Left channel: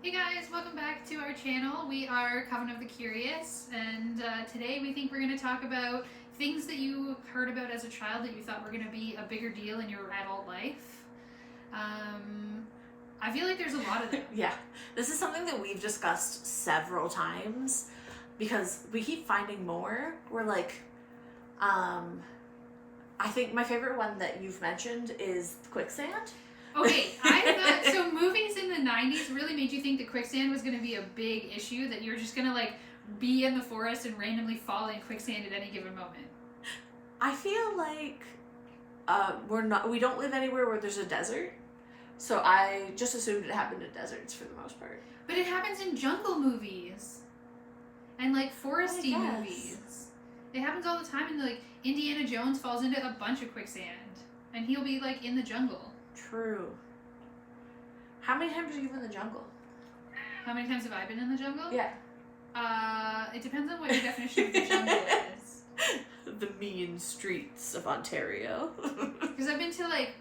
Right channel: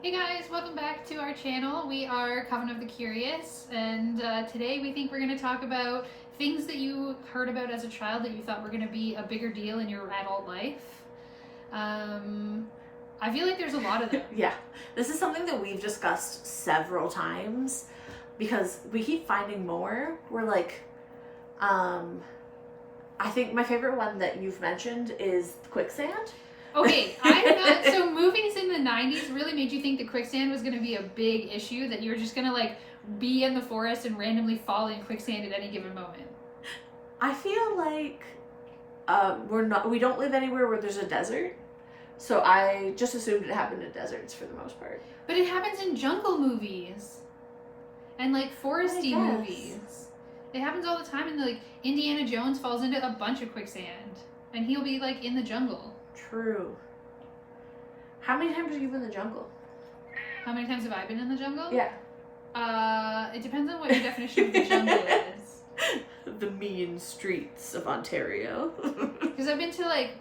Hey guys, welcome back to our channel. We are Coven of the Curious, and today we think we're going to talk about things that you heard about as a child that you thought were going to be a bigger deal in your adult life. I feel like there's a lot of them. Yeah, this is something that we've discussed several times because we keep finding more. We're like, I think my favorite one that you've mentioned is quicksand. Okay, I thought, so movies in the 90s really made you think that quicksand was going to be a big issue, that you're just going to like be in the forest and randomly fall in quicksand at any given moment. I feel like we don't live anywhere where there's a desert. So I just assumed it happened in deserts for the most part. But it happens in jungle movies and like foresty movies. It happens all the time, and like Indiana Jones falls into a bunch of quicksand and he'll be like in the jungle. True. How many times are you in the jungle? How many times have I been in the jungle? Yeah. It depends on what your definition of the jungle is. The mean streets of Ontario. Because I've been to like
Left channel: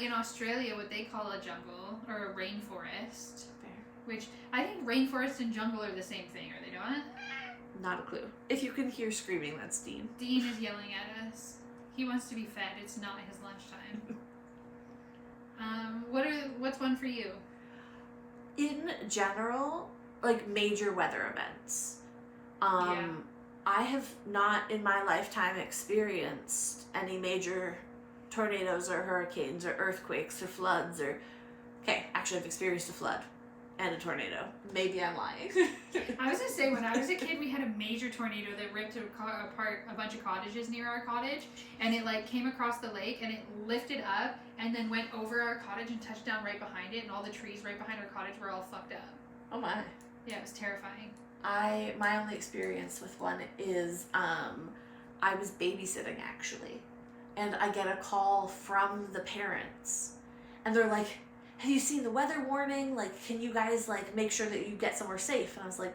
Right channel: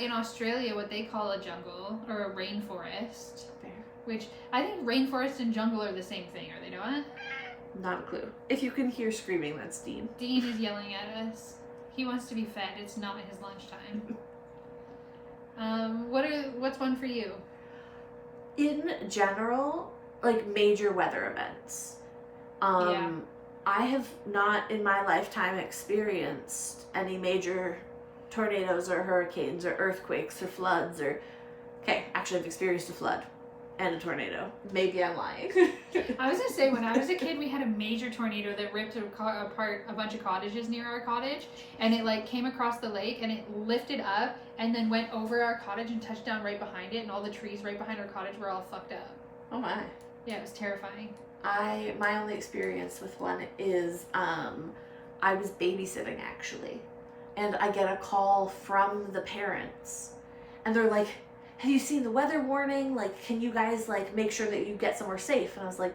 in Australia what they call a jungle or a rainforest. Fair. Which I think rainforest and jungle are the same thing, are they not? Not a clue. If you can hear screaming, that's Dean. Dean is yelling at us. He wants to be fed. It's not his lunchtime. What's one for you? In general, like major weather events. Yeah. I have not in my lifetime experienced any major tornadoes or hurricanes or earthquakes or floods or... Okay, actually I've experienced a flood and a tornado. Maybe I'm lying. I was going to say, when I was a kid, we had a major tornado that ripped apart a bunch of cottages near our cottage, and it like came across the lake and it lifted up and then went over our cottage and touched down right behind it, and all the trees right behind our cottage were all fucked up. Oh my. Yeah, it was terrifying. My only experience with one is I was babysitting actually, and I get a call from the parents, and they're like, have you seen the weather warning? Like, can you guys like make sure that you get somewhere safe? And I was like,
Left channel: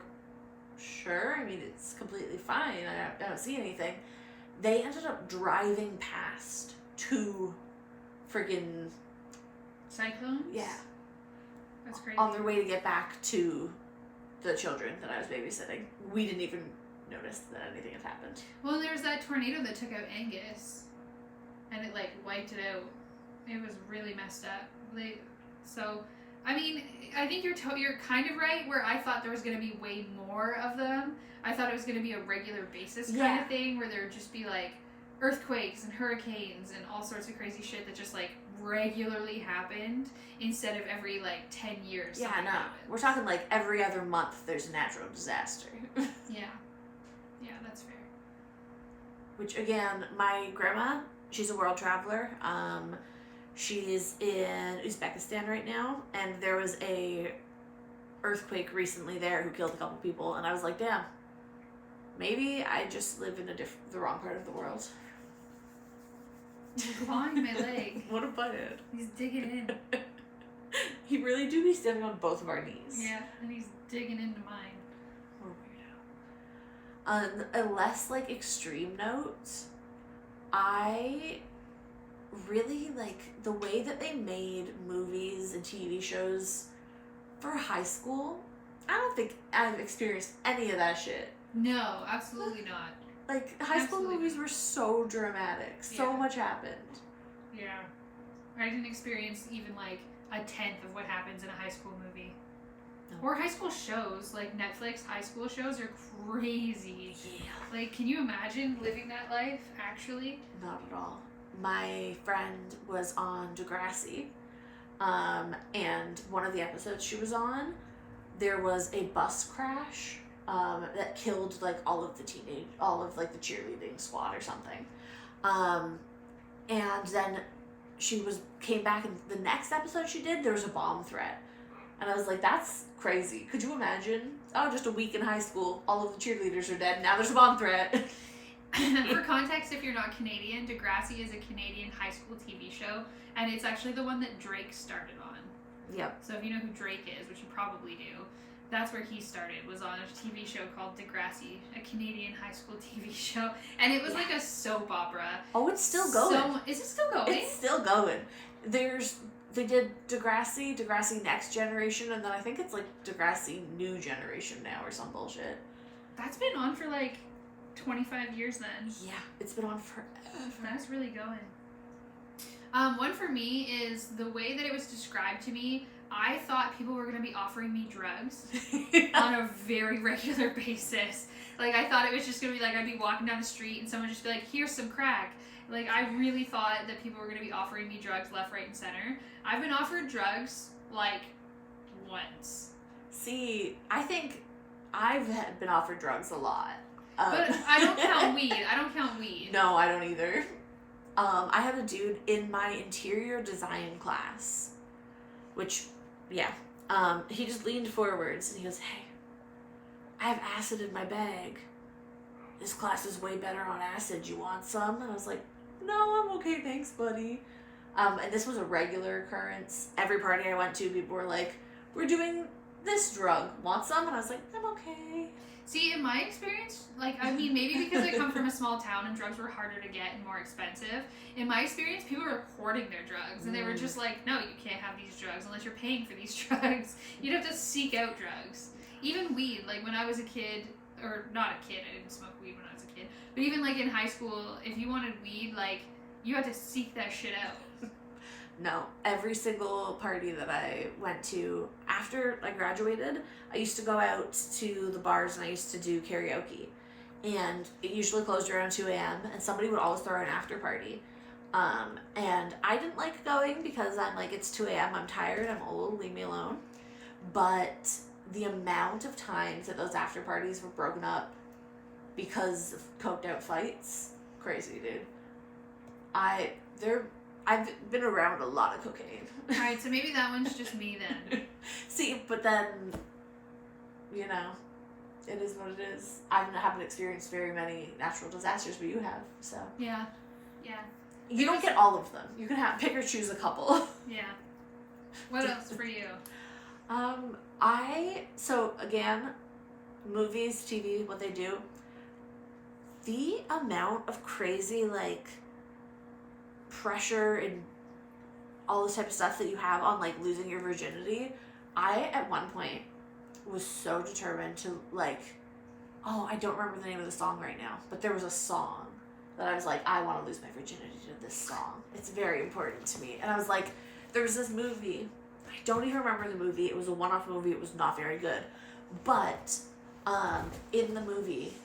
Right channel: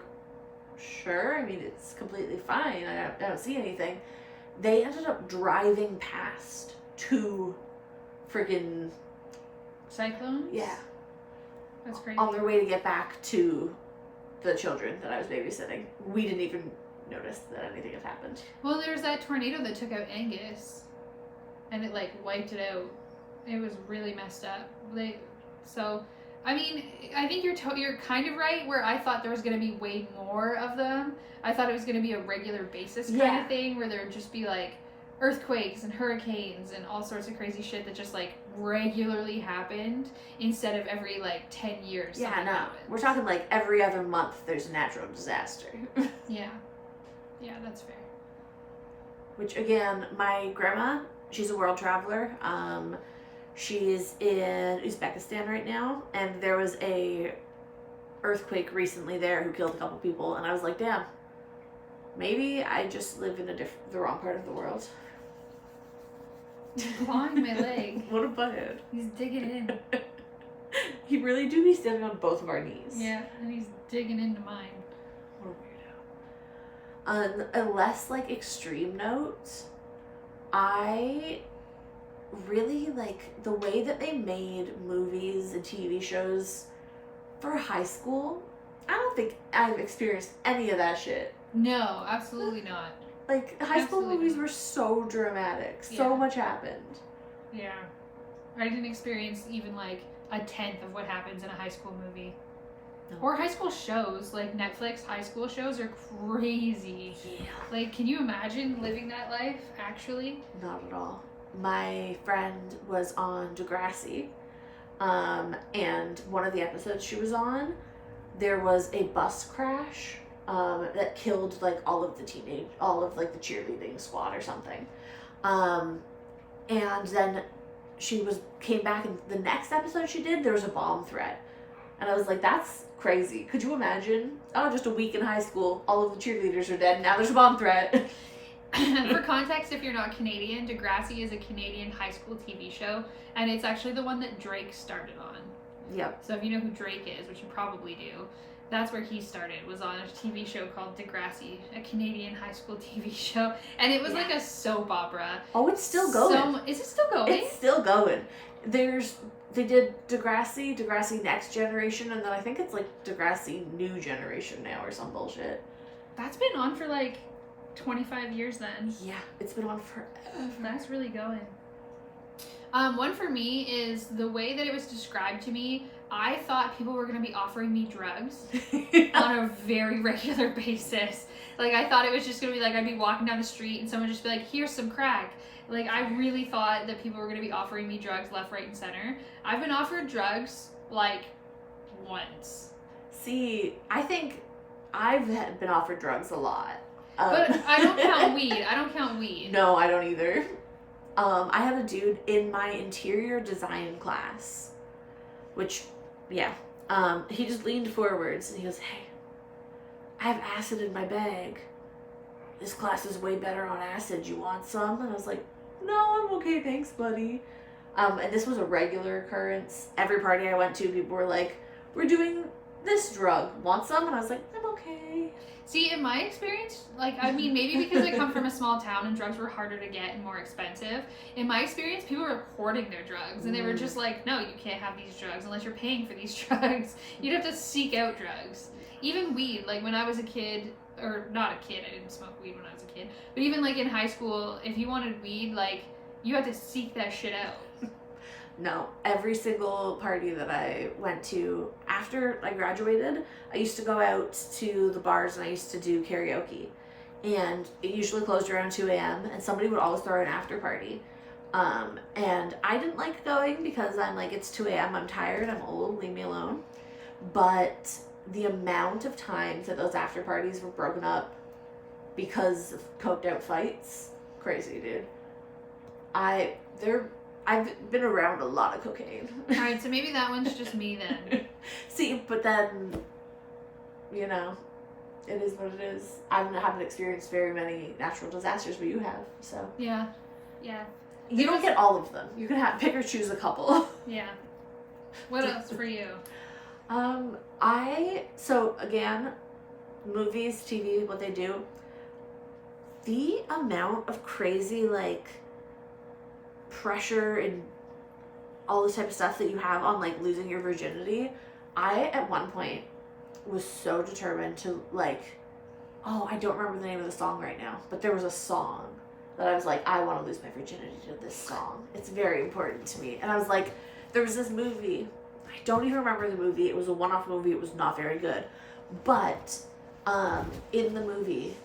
sure. I mean, it's completely fine. I don't see anything. They ended up driving past two friggin' Cyclones? yeah, That's crazy. on their way to get back to the children that I was babysitting. We didn't even notice that anything had happened. Well, there was that tornado that took out Angus, and it like wiped it out. It was really messed up. So, I mean, I think you're kind of right, where I thought there was going to be way more of them. I thought it was going to be a regular basis kind of thing, where there would just be like earthquakes and hurricanes and all sorts of crazy shit that just like regularly happened instead of every like 10 years. Yeah, no. happens. We're talking like every other month there's a natural disaster. Yeah. Yeah, that's fair. Which again, my grandma, she's a world traveler. She's in Uzbekistan right now, and there was a earthquake recently there who killed a couple people, and I was like, damn, maybe I just live in the wrong part of the world. He's clawing my leg. What a butthead. He's digging in. He really do be standing on both of our knees. Yeah, and he's digging into mine. What a weirdo. On a less like extreme note, I really like the way that they made movies and TV shows for high school. I don't think I've experienced any of that shit. No, absolutely not. Like, high school Absolutely movies not. were so dramatic. So Yeah. much happened. Yeah. I didn't experience even like a tenth of what happens in a high school movie. No. Or high school shows, like Netflix high school shows are crazy. Yeah. Like, can you imagine living that life, actually? Not at all. My friend was on Degrassi, and one of the episodes she was on, there was a bus crash that killed like all of the cheerleading squad or something, and then she came back, and the next episode she did, there was a bomb threat, and I was like, that's crazy. Could you imagine? Oh, just a week in high school, all of the cheerleaders are dead, now there's a bomb threat. For context, if you're not Canadian, Degrassi is a Canadian high school TV show, and it's actually the one that Drake started on. Yep. So if you know who Drake is, which you probably do, that's where he started, was on a TV show called Degrassi, a Canadian high school TV show. And it was like a soap opera. Oh, it's still going. Is it still going? It's still going. There's they did Degrassi Next Generation, and then I think it's like Degrassi New Generation now or some bullshit. That's been on for like 25 years then. Yeah, it's been on forever. That's really going. One for me is the way that it was described to me. I thought people were going to be offering me drugs on a very regular basis. Like, I thought it was just going to be like, I'd be walking down the street and someone would just be like, here's some crack. Like, I really thought that people were going to be offering me drugs left, right, and center. I've been offered drugs, like, once. See, I think I've been offered drugs a lot. But I don't count weed. No, I don't either. I had a dude in my interior design class, which, yeah, he just leaned forwards and he goes, hey, I have acid in my bag. This class is way better on acid. You want some? And I was like, no, I'm okay, thanks, buddy. And this was a regular occurrence. Every party I went to, people were like, we're doing this drug. Want some? And I was like, I'm okay. See, in my experience, like, I mean, maybe because I come from a small town and drugs were harder to get and more expensive. In my experience, people were hoarding their drugs. And they were just like, no, you can't have these drugs unless you're paying for these drugs. You'd have to seek out drugs. Even weed, like, when I was a kid, or not a kid, I didn't smoke weed when I was a kid. But even, like, in high school, if you wanted weed, like, you had to seek that shit out. No, every single party that I went to after I graduated, I used to go out to the bars and I used to do karaoke. And it usually closed around 2 a.m. and somebody would always throw an after party. And I didn't like going because I'm like, it's 2 a.m., I'm tired, I'm old, leave me alone. But the amount of times that those after parties were broken up because of coked out fights, crazy, dude. I've been around a lot of cocaine. Alright, so maybe that one's just me then. See, but then, you know, it is what it is. I haven't experienced very many natural disasters, but you have, so. Yeah. You don't get all of them. You can pick or choose a couple. Yeah. What else for you? So again, movies, TV, what they do, the amount of crazy, like, pressure and all this type of stuff that you have on, like, losing your virginity, I, at one point, was so determined to, like, I don't remember the name of the song right now, but there was a song that I was like, I want to lose my virginity to this song. It's very important to me. And I was like, there was this movie, I don't even remember the movie, it was a one-off movie, it was not very good, but, in the movie,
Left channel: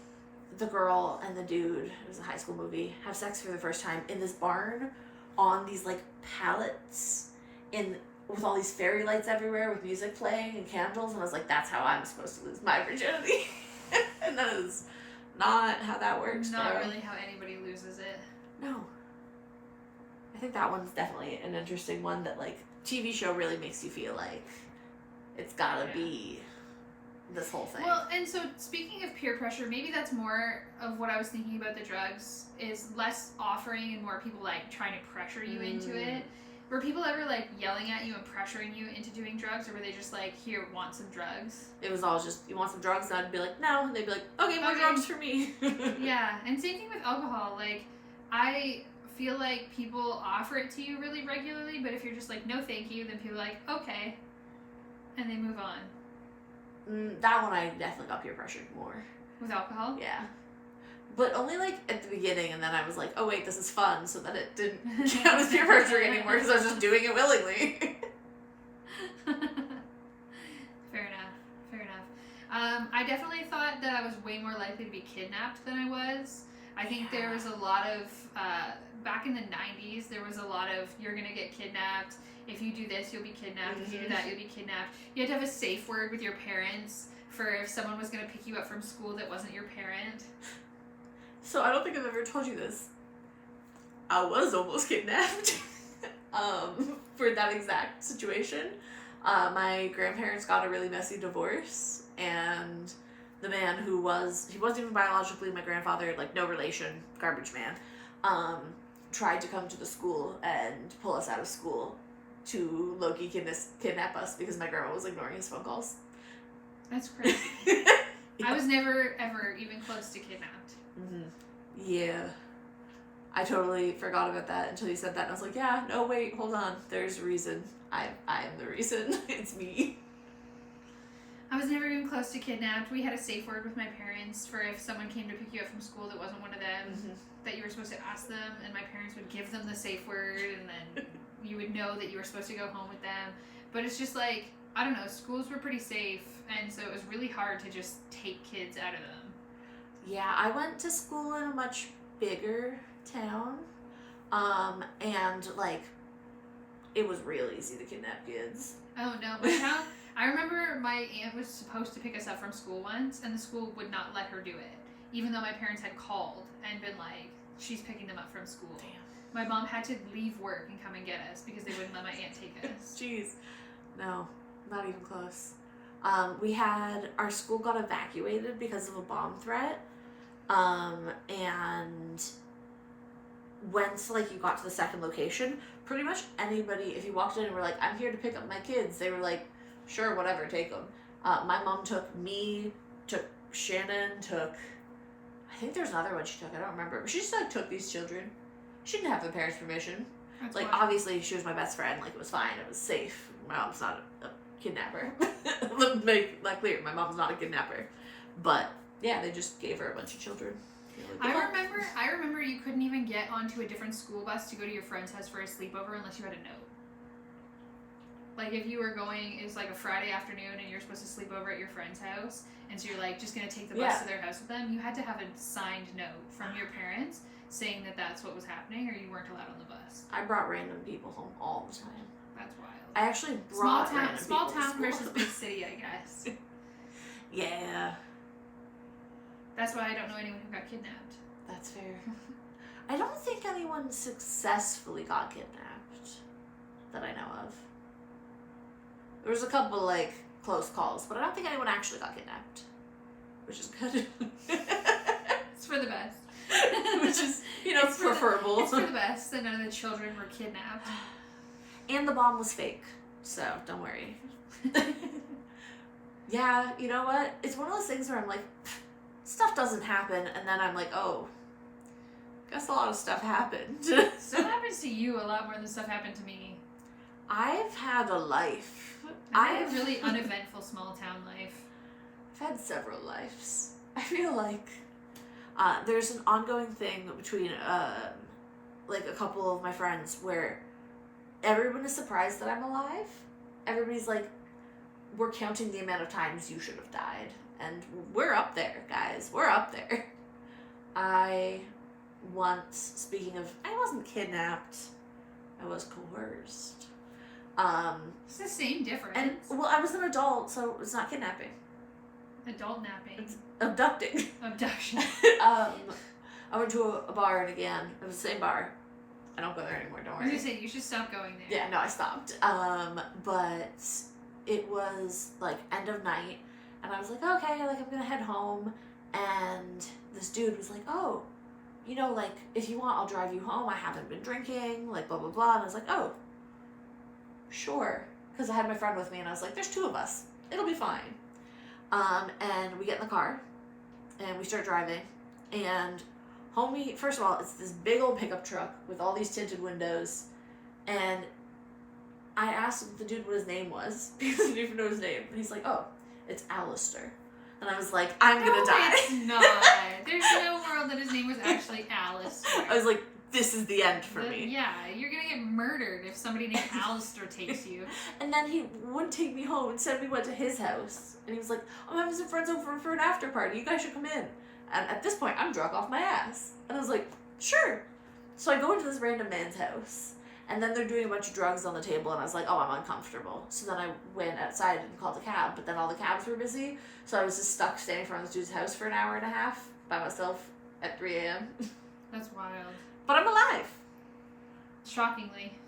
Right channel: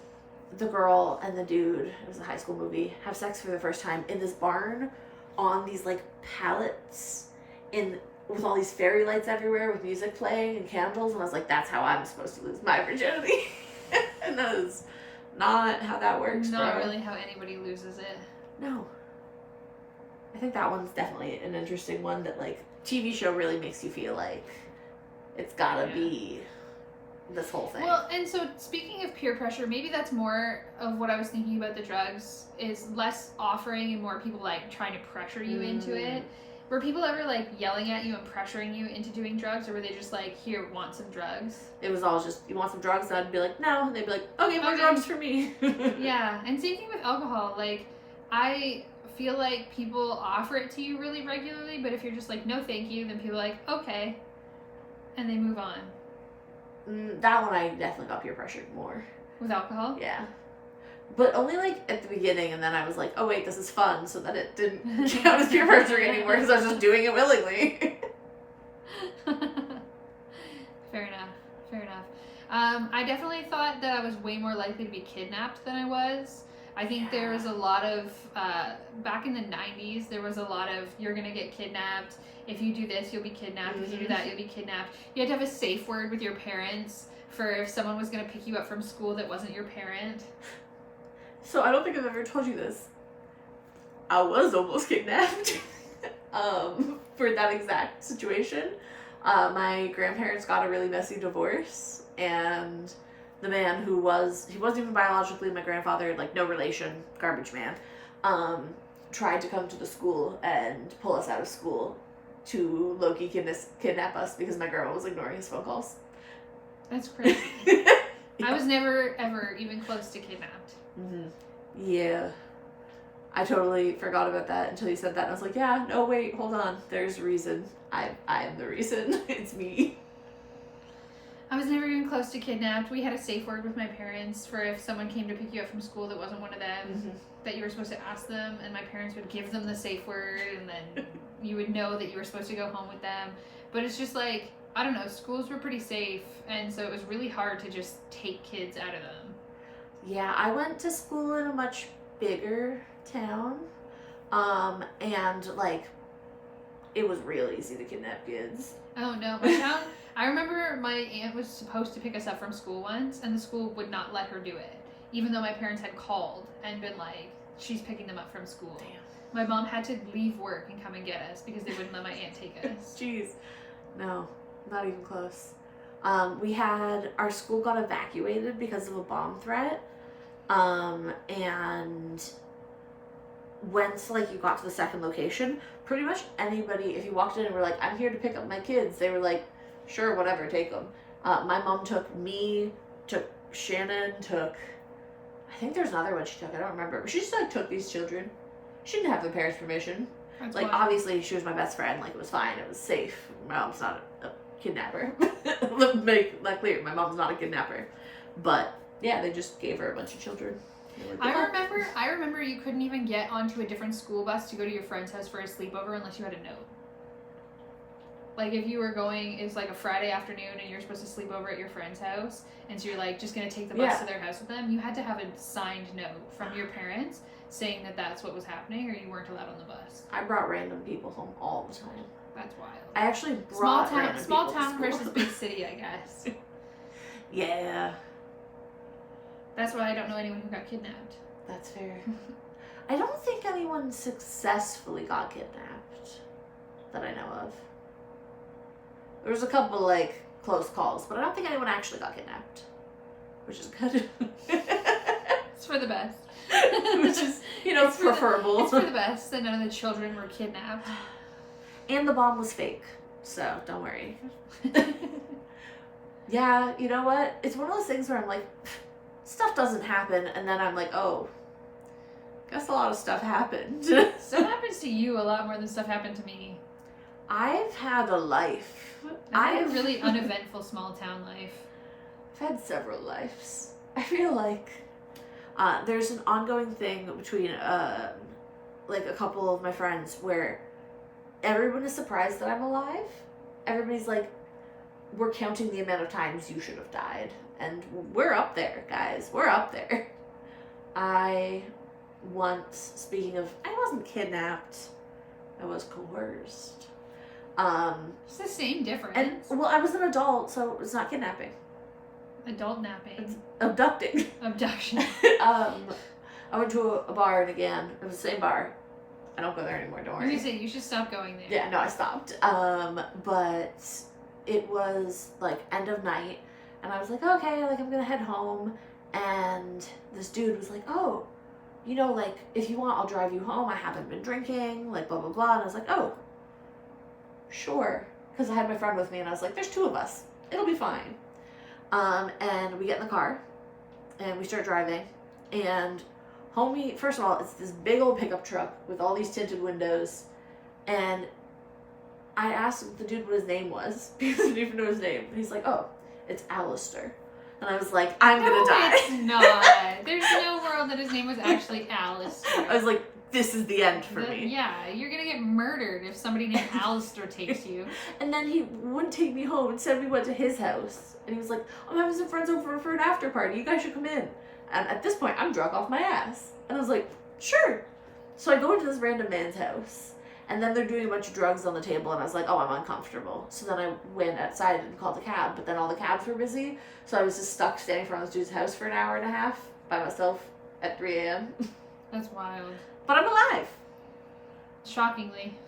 the girl and the dude, it was a high school movie, have sex for the first time in this barn on these, like, pallets with all these fairy lights everywhere with music playing and candles, and I was like, that's how I'm supposed to lose my virginity. And that is not how that works, Not really how anybody loses it. No. I think that one's definitely an interesting one that, like, TV show really makes you feel like it's gotta be this whole thing. Well, and so speaking of peer pressure, maybe that's more of what I was thinking about the drugs, is less offering and more people, like, trying to pressure you into it. Were people ever, like, yelling at you and pressuring you into doing drugs, or were they just like, here, want some drugs? It was always just, you want some drugs? And I'd be like, no. And they'd be like, okay, more drugs for me. Yeah, and same thing with alcohol. Like, I feel like people offer it to you really regularly, but if you're just like, no thank you, then people are like, okay, and they move on. That one I definitely got peer pressured more. With alcohol? Yeah. But only, like, at the beginning, and then I was like, oh wait, this is fun, so that it didn't count as peer pressure anymore, because I was just doing it willingly. Fair enough. I definitely thought that I was way more likely to be kidnapped than I was. I think there was a lot of, back in the 90s, there was a lot of, you're gonna get kidnapped. If you do this, you'll be kidnapped. If you do that, you'll be kidnapped. You had to have a safe word with your parents for if someone was gonna pick you up from school that wasn't your parent. So I don't think I've ever told you this. I was almost kidnapped for that exact situation. My grandparents got a really messy divorce, and the man he wasn't even biologically my grandfather, like, no relation, garbage man, tried to come to the school and pull us out of school to low-key kidnap us because my grandma was ignoring his phone calls. That's crazy. Yeah. I was never, ever even close to kidnapped. Yeah. I totally forgot about that until you said that. And I was like, yeah, no, wait, hold on. There's a reason. I am the reason. It's me. I was never even close to kidnapped. We had a safe word with my parents for if someone came to pick you up from school that wasn't one of them, that you were supposed to ask them, and my parents would give them the safe word, and then you would know that you were supposed to go home with them. But it's just like, I don't know, schools were pretty safe, and so it was really hard to just take kids out of them. Yeah, I went to school in a much bigger town, and like, it was real easy to kidnap kids. Oh no, my town. I remember my aunt was supposed to pick us up from school once, and the school would not let her do it, even though my parents had called and been like, she's picking them up from school. Damn. My mom had to leave work and come and get us because they wouldn't let my aunt take us. Jeez. No, not even close. Our school got evacuated because of a bomb threat. And once like you got to the second location, pretty much anybody, if you walked in and were like, I'm here to pick up my kids, they were like, sure, whatever, take them. My mom took me, took Shannon, I think there's another one she took, I don't remember, but she just like took these children. She didn't have the parents' permission. That's Like, wild. obviously, she was my best friend, like, it was fine, it was safe. My mom's not a kidnapper. Let me make that clear, my mom's not a kidnapper. But, yeah, they just gave her a bunch of children. Like, I remember you couldn't even get onto a different school bus to go to your friend's house for a sleepover unless you had a note. Like, if you were going, it's like a Friday afternoon and you're supposed to sleep over at your friend's house, and so you're like just gonna take the bus to their house with them, you had to have a signed note from your parents saying that that's what was happening, or you weren't allowed on the bus. I brought random people home all the time. That's wild. I actually brought random small people to town school. versus big city, I guess. Yeah, That's why I don't know anyone who got kidnapped. that's fair. I don't think anyone successfully got kidnapped that I know of. There was a couple, like, close calls, but I don't think anyone actually got kidnapped, which is good. It's for the best. Which is, It's preferable. It's for the best that none of the children were kidnapped. And the bomb was fake, so don't worry. Yeah, you know what? It's one of those things where I'm like, stuff doesn't happen, and then I'm like, oh, guess a lot of stuff happened. Stuff happens to you a lot more than stuff happened to me. I've had a life. I had a really uneventful small town life. I've had several lives. I feel like there's an ongoing thing between like a couple of my friends where everyone is surprised that I'm alive. Everybody's like, we're counting the amount of times you should have died. And we're up there, guys. We're up there. I once, speaking of, I wasn't kidnapped. I was coerced. It's the same difference. And, well, I was an adult, so it's not kidnapping. Adult napping. It's abducting. Abduction. I went to a bar in again. It was the same bar. I don't go there anymore, don't I'm worry. gonna say, you should stop going there. Yeah, no, I stopped. But it was like end of night, and I was like, okay, like I'm gonna head home. And this dude was like, oh, like if you want, I'll drive you home. I haven't been drinking, like blah blah blah. And I was like, oh, sure, because I had my friend with me, and I was like, there's two of us, it'll be fine. And we get in the car, and we start driving, and homie, first of all, it's this big old pickup truck with all these tinted windows, and I asked the dude what his name was, because I didn't even know his name, and he's like, oh, it's Alistair. And I was like, I'm gonna die. It's not. There's no world that his name was actually Alistair. I was like, this is the end for me. Yeah, you're gonna get murdered if somebody named Alistair takes you. And then he wouldn't take me home. Instead, we went to his house. And he was like, I'm having some friends over for an after party. You guys should come in. And at this point, I'm drunk off my ass. And I was like, sure. So I go into this random man's house. And then they're doing a bunch of drugs on the table. And I was like, oh, I'm uncomfortable. So then I went outside and called a cab. But then all the cabs were busy. So I was just stuck standing in front of this dude's house for an hour and a half by myself at 3 a.m. That's wild. But I'm alive. Shockingly.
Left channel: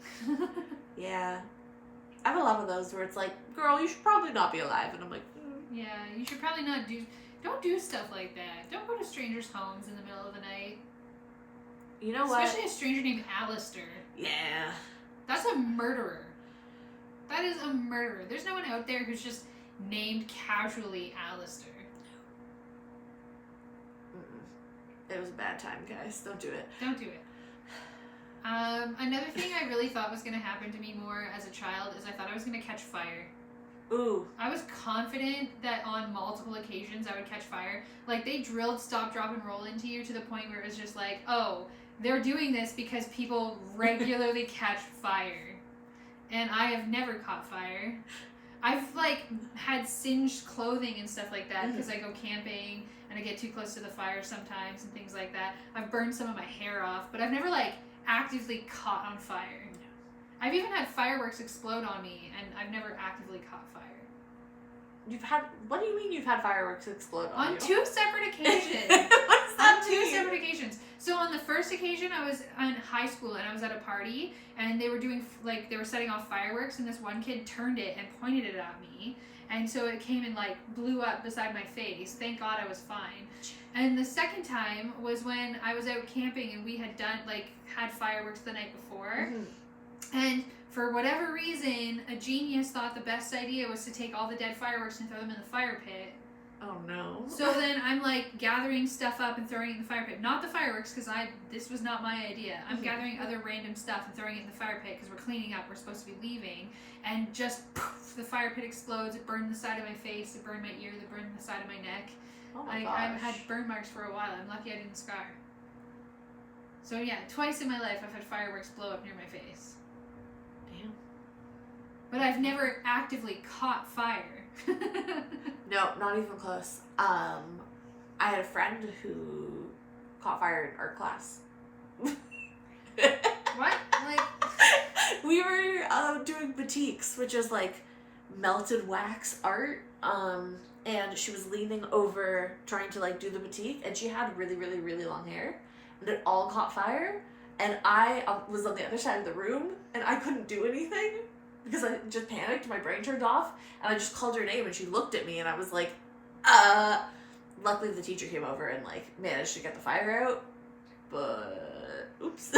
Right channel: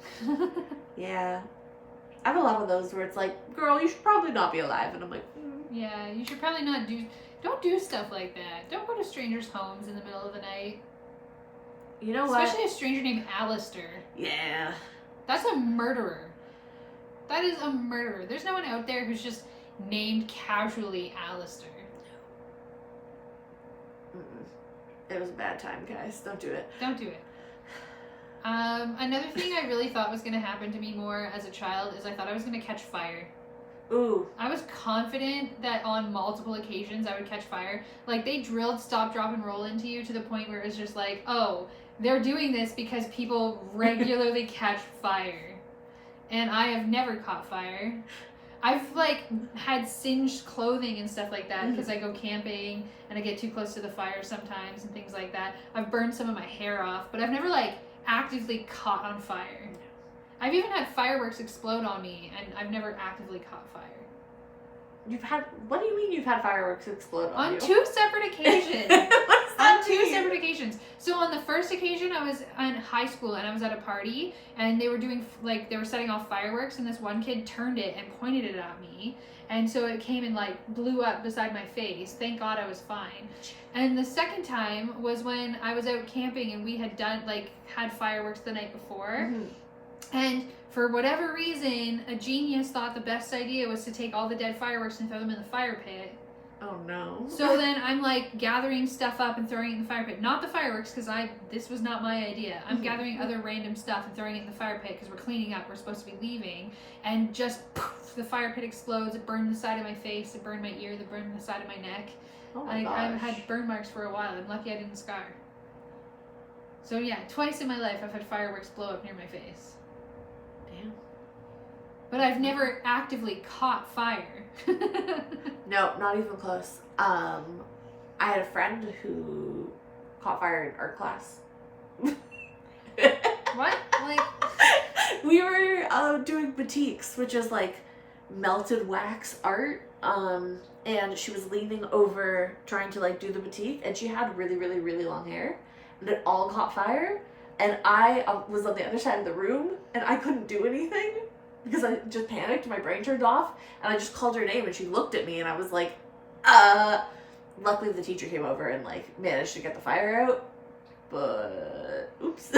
Yeah. I have a lot of those where it's like, girl, you should probably not be alive. And I'm like, Yeah, you should probably not don't do stuff like that. Don't go to strangers' homes in the middle of the night. you know what? Especially a stranger named Alistair. Yeah. That's a murderer. That is a murderer. There's no one out there who's just named casually Alistair. Mm-mm. It was a bad time, guys. Don't do it. Don't do it. Another thing I really thought was going to happen to me more as a child is I thought I was going to catch fire. Ooh. I was confident that on multiple occasions I would catch fire. Like, they drilled stop, drop, and roll into you to the point where it was just like, oh, they're doing this because people regularly catch fire. And I have never caught fire. I've, like, had singed clothing and stuff like that because I go camping and I get too close to the fire sometimes and things like that. I've burned some of my hair off, but I've never, like, actively caught on fire. I've even had fireworks explode on me, and I've never actively caught fire. What do you mean you've had fireworks explode on you? On 2 separate occasions. What does that On 2 mean? separate occasions. So on the first occasion, I was in high school, and I was at a party, and they were doing, like, they were setting off fireworks, and this one kid turned it and pointed it at me. And so it came and, like, blew up beside my face. Thank God I was fine. And the second time was when I was out camping, and we had had fireworks the night before. And for whatever reason, a genius thought the best idea was to take all the dead fireworks and throw them in the fire pit. Oh no. So then I'm like gathering stuff up and throwing it in the fire pit. Not the fireworks, because this was not my idea. I'm gathering other random stuff and throwing it in the fire pit because we're cleaning up. We're supposed to be leaving. And just poof, the fire pit explodes. It burned the side of my face. It burned my ear. It burned the side of my neck. Oh my gosh. I've had burn marks for a while. I'm lucky I didn't scar. So yeah, twice in my life I've had fireworks blow up near my face. Damn. But I've never actively caught fire. No, not even close. I had a friend who caught fire in art class. What? Like, we were doing batiks, which is like melted wax art. And she was leaning over trying to like do the batik, and she had really, really, really long hair, and it all caught fire. And I was on the other side of the room, and I couldn't do anything because I just panicked. My brain turned off, and I just called her name, and she looked at me, and I was like, Luckily, the teacher came over and like managed to get the fire out, but oops.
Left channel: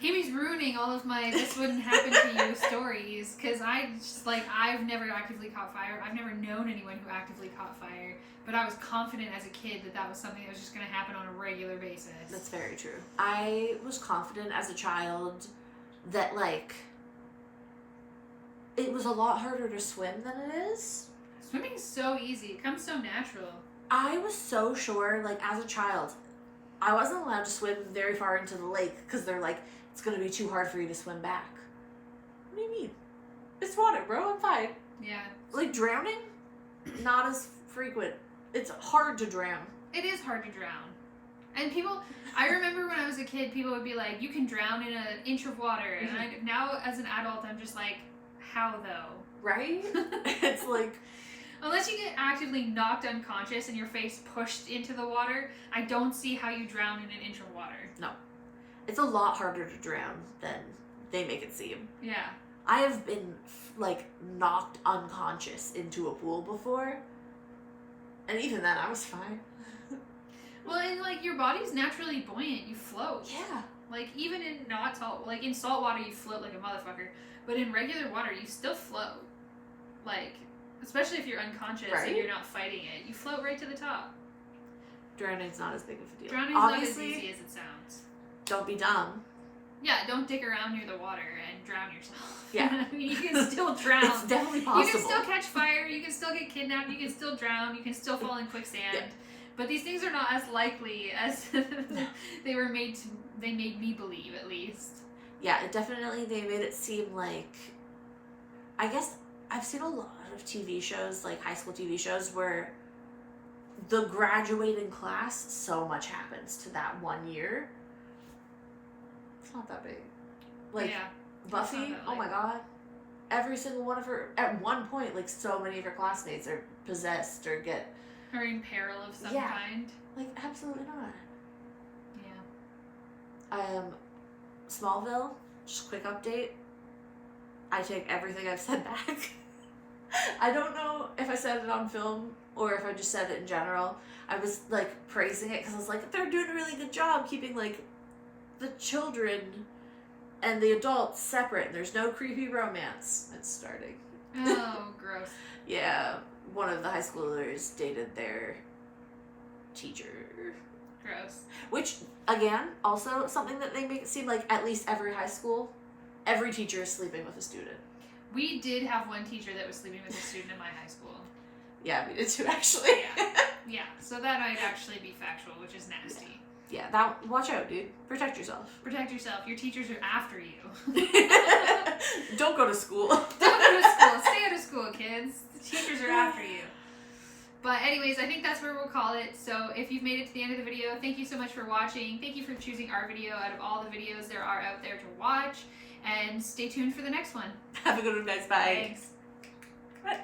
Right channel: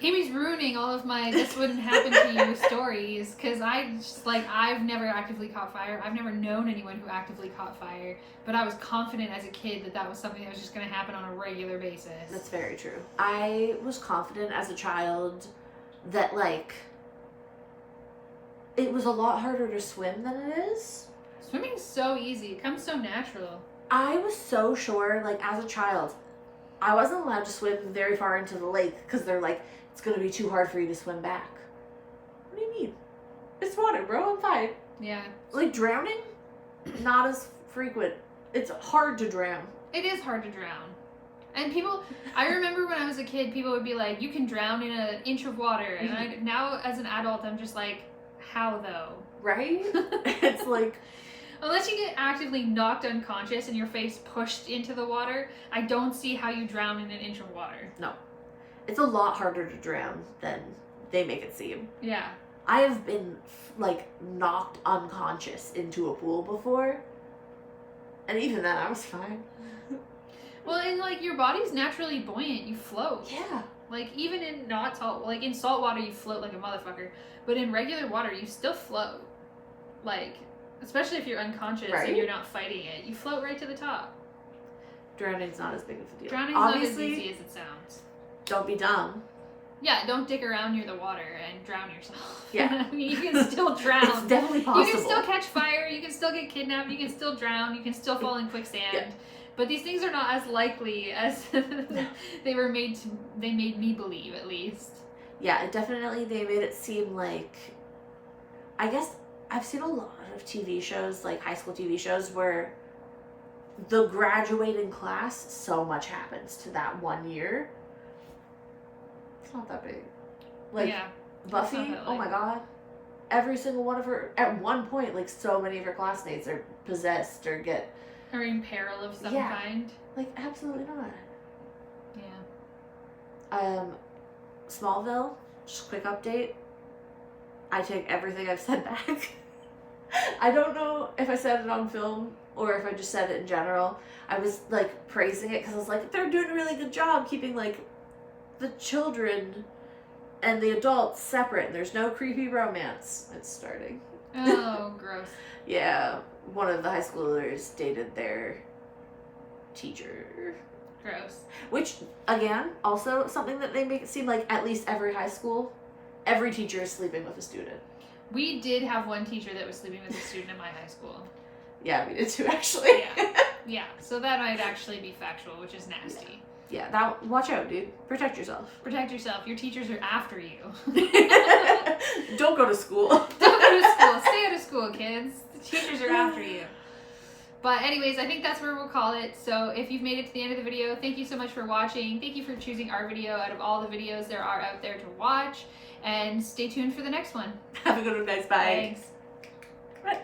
Amy's ruining all of my "this wouldn't happen to you" stories, because I've never actively caught fire. I've never known anyone who actively caught fire, but I was confident as a kid that was something that was just going to happen on a regular basis. That's very true. I was confident as a child that like it was a lot harder to swim than it is. Swimming's so easy. It comes so natural. I was so sure, like, as a child, I wasn't allowed to swim very far into the lake because they're like, it's going to be too hard for you to swim back. What do you mean? It's water, bro. I'm fine. Yeah. Like, drowning? Not as frequent. It's hard to drown. It is hard to drown. And I remember when I was a kid, people would be like, you can drown in an inch of water. And now, as an adult, I'm just like, how though? Right? It's like... Unless you get actively knocked unconscious and your face pushed into the water, I don't see how you drown in an inch of water. No. It's a lot harder to drown than they make it seem. Yeah. I have been, like, knocked unconscious into a pool before. And even then, I was fine. Well, and, like, your body's naturally buoyant. You float. Yeah. Like, even in not salt... Like, in salt water, you float like a motherfucker. But in regular water, you still float. Like... Especially if you're unconscious and you're not fighting it. You float right to the top. Drowning's not as big of a deal. Drowning's Obviously, not as easy as it sounds. Don't be dumb. Yeah, don't dick around near the water and drown yourself. Yeah. I mean, you can still drown. It's definitely possible. You can still catch fire, you can still get kidnapped, you can still drown, you can still fall in quicksand. Yeah. But these things are not as likely as they made me believe, at least. Yeah, definitely they made it seem like... I guess I've seen a lot of TV shows, like high school TV shows, where the graduating class, so much happens to that 1 year. It's not that big. Like, yeah, Buffy, oh my god. Every single one of her, at one point, like, so many of her classmates are possessed or get... Or in peril of some kind. Like, absolutely not. Yeah. Smallville, just quick update. I take everything I've said back. I don't know if I said it on film or if I just said it in general. I was, like, praising it because I was like, they're doing a really good job keeping, like, the children and the adults separate. And there's no creepy romance. It's starting. Oh, gross. Yeah, one of the high schoolers dated their teacher. Gross. Which, again, also something that they make it seem like at least every high school, every teacher is sleeping with a student. We did have one teacher that was sleeping with a student in my high school. Yeah, we did too, actually. Yeah, so that might actually be factual, which is nasty. Yeah, that, watch out, dude. Protect yourself. Protect yourself. Your teachers are after you. Don't go to school. Don't go to school. Stay out of school, kids. The teachers are after you. But anyways, I think that's where we'll call it. So if you've made it to the end of the video, thank you so much for watching. Thank you for choosing our video out of all the videos there are out there to watch. And stay tuned for the next one. Have a good one, guys. Bye. Thanks.